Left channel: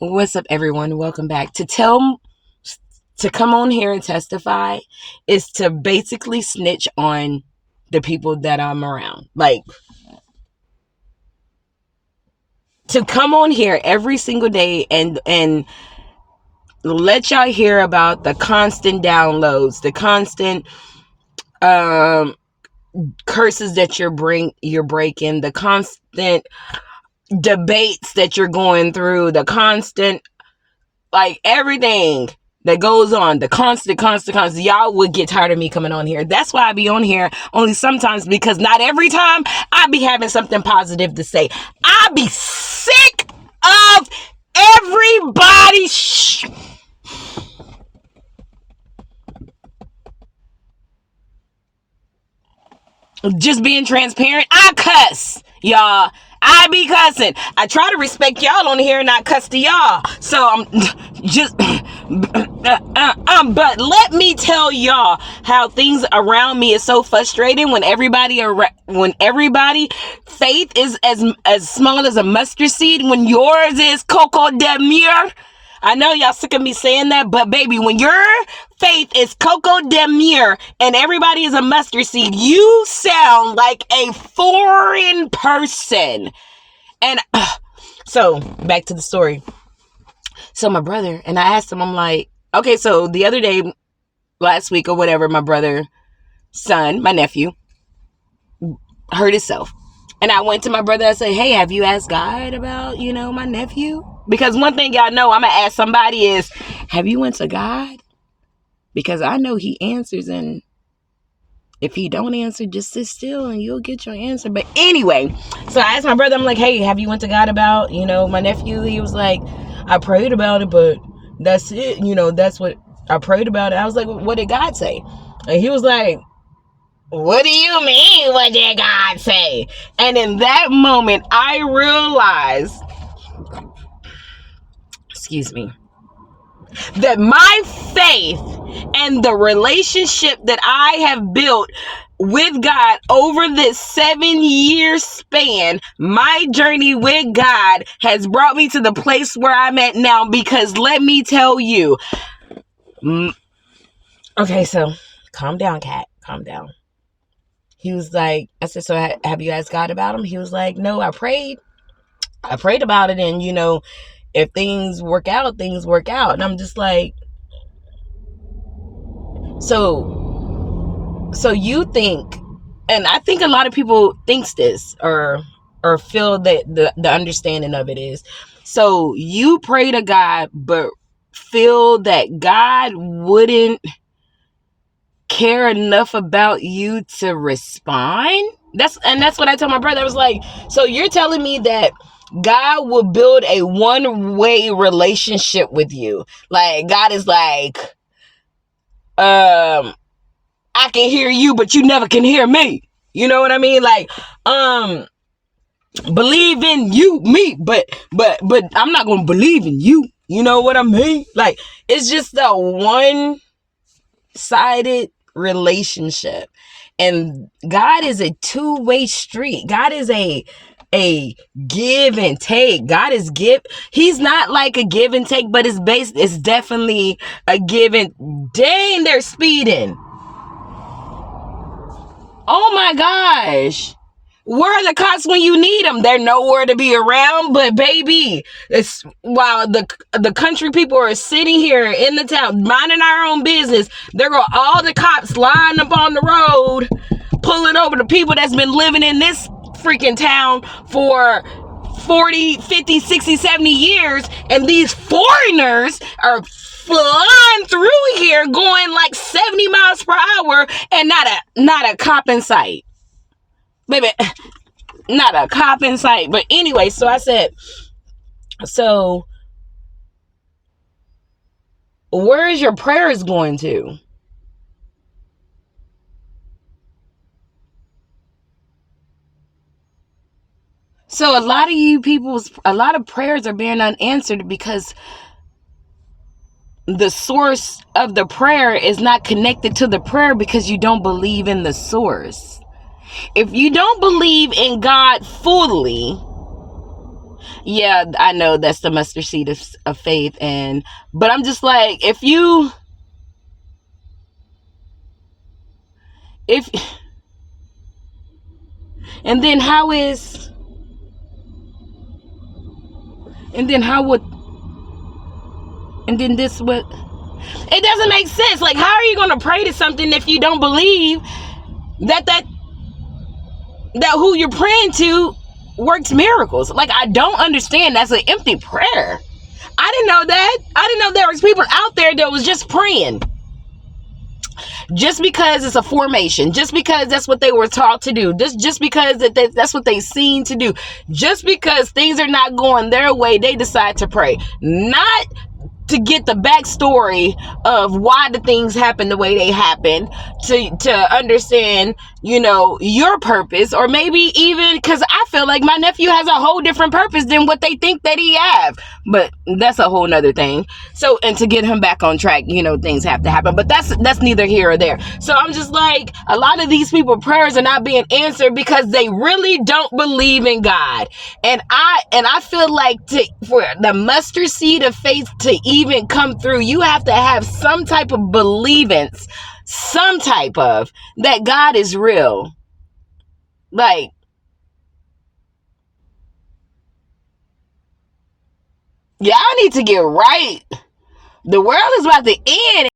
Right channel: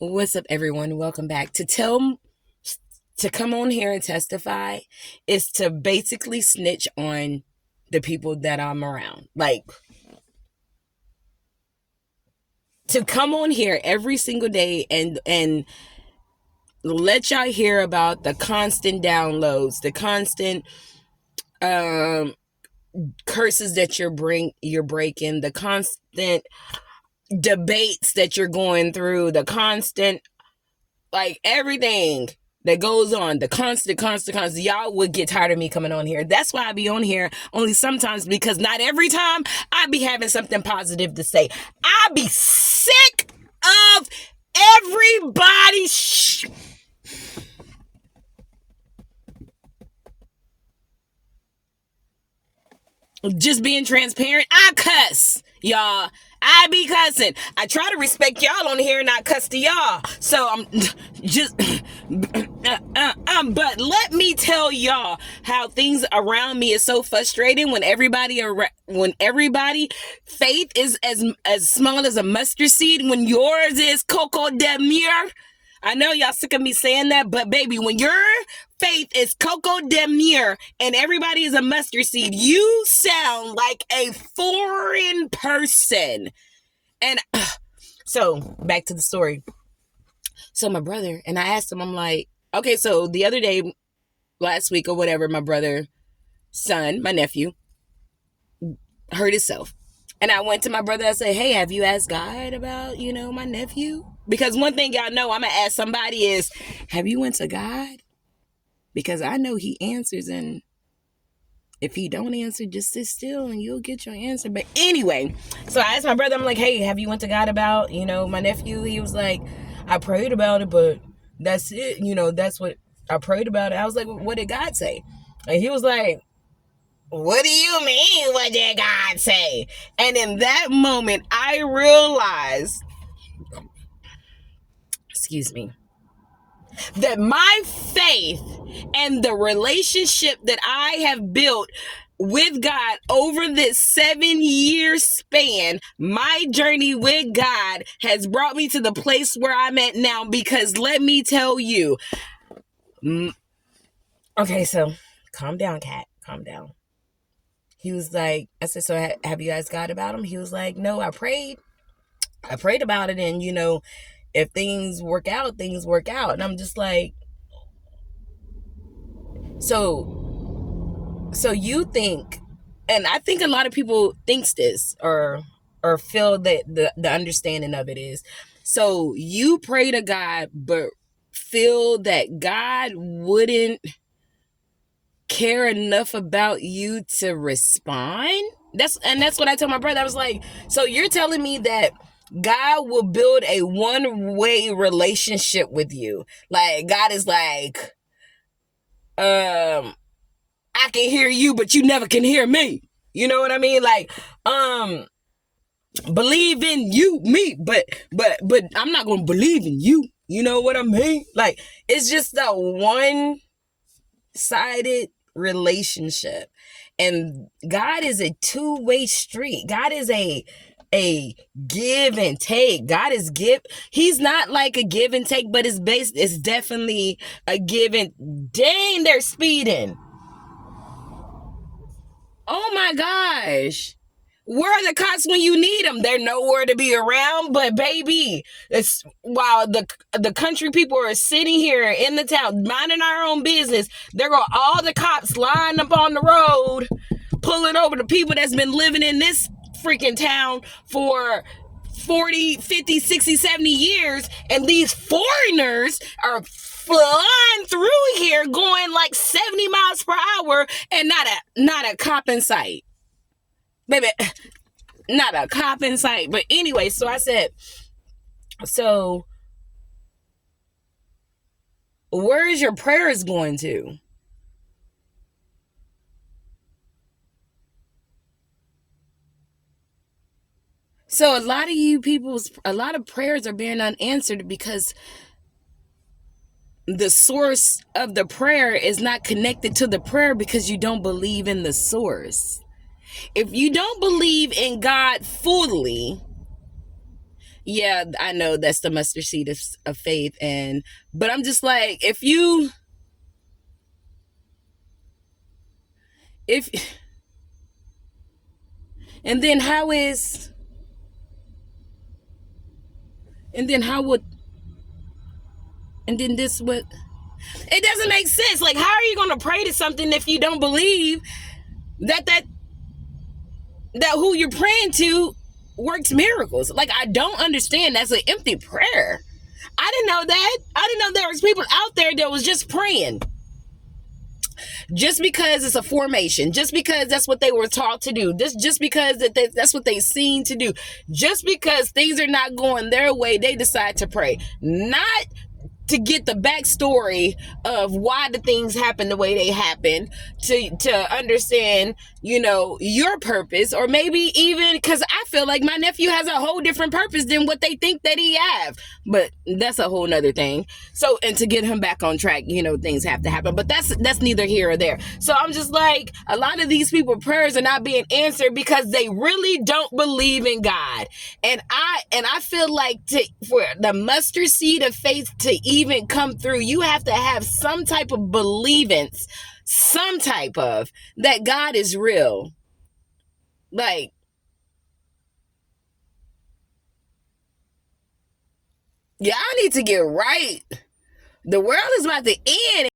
What's up, everyone? Welcome back. To come on here and testify is to basically snitch on the people that I'm around. Like, to come on here every single day and let y'all hear about the constant downloads, the constant curses that you're breaking, the constant debates that you're going through, the constant, like, everything that goes on, the constant. Y'all would get tired of me coming on here. That's why I be on here only sometimes, because not every time I be having something positive to say. I be sick of everybody just being transparent. I cuss, y'all. I be cussing. I try to respect y'all on here and not cuss to y'all. So I'm just but let me tell y'all how things around me is so frustrating when everybody faith is as small as a mustard seed, when yours is Coco de Mure. I know y'all sick of me saying that, but baby, when your faith is Coco de Mure and everybody is a mustard seed, you sound like a foreign person. And so back to the story. So my brother, and I asked him, I'm like, okay, so the other day, last week or whatever, my brother's son, my nephew, hurt himself. And I went to my brother, I said, hey, have you asked God about, my nephew? Because one thing y'all know I'm going to ask somebody is, have you went to God? Because I know he answers, and if he don't answer, just sit still and you'll get your answer. But anyway, so I asked my brother, I'm like, hey, have you went to God about, my nephew? He was like, I prayed about it, but that's it. That's what I prayed about it. I was like, what did God say? And he was like, what do you mean, what did God say? And in that moment, I realized, that my faith and the relationship that I have built with God over this 7-year span, my journey with God has brought me to the place where I'm at now. Because let me tell you, okay, so calm down, Kat, calm down. He was like, I said, so have you asked God about him? He was like, no, I prayed about it, and if things work out, things work out. And I'm just like, so you think, and I think a lot of people thinks this or feel that the understanding of it is, so you pray to God, but feel that God wouldn't care enough about you to respond. That's what I told my brother. I was like, so you're telling me that God will build a one-way relationship with you? Like, God is like, I can hear you, but you never can hear me. You know what I mean? Like, believe in you, me, but I'm not gonna believe in you. You know what I mean? Like, it's just a one-sided relationship. And God is a two-way street. God is a give and take. God is he's not like a give and take, but it's definitely a give and, dang, they're speeding. Oh my gosh. Where are the cops when you need them? They're nowhere to be around. But baby, it's while the country people are sitting here in the town minding our own business, there go all the cops lined up on the road, pulling over the people that's been living in this freaking town for 40, 50, 60, 70 years. And these foreigners are flying through here going like 70 miles per hour, and not a cop in sight. Baby, not a cop in sight. But anyway, so I said, so where is your prayers going to? So a lot of prayers are being unanswered because the source of the prayer is not connected to the prayer, because you don't believe in the source. If you don't believe in God fully, Yeah, I know that's the mustard seed of faith, but I'm just like, if and then how is and then how would and then this what it doesn't make sense. Like, how are you going to pray to something if you don't believe that who you're praying to works miracles? Like, I don't understand. That's an empty prayer. I didn't know that. I didn't know there was people out there that was just praying just because it's a formation, just because that's what they were taught to do, just because that's what they seen to do, just because things are not going their way, they decide to pray. Not to get the backstory of why the things happen the way they happen, to understand, your purpose, or maybe even because I feel like my nephew has a whole different purpose than what they think that he have. But that's a whole nother thing. So, and to get him back on track, things have to happen. But that's neither here or there. So I'm just like, a lot of these people prayers are not being answered because they really don't believe in God. And I feel like for the mustard seed of faith to even come through, you have to have some type of believance, some type of that God is real. Like, y'all need to get right. The world is about to end.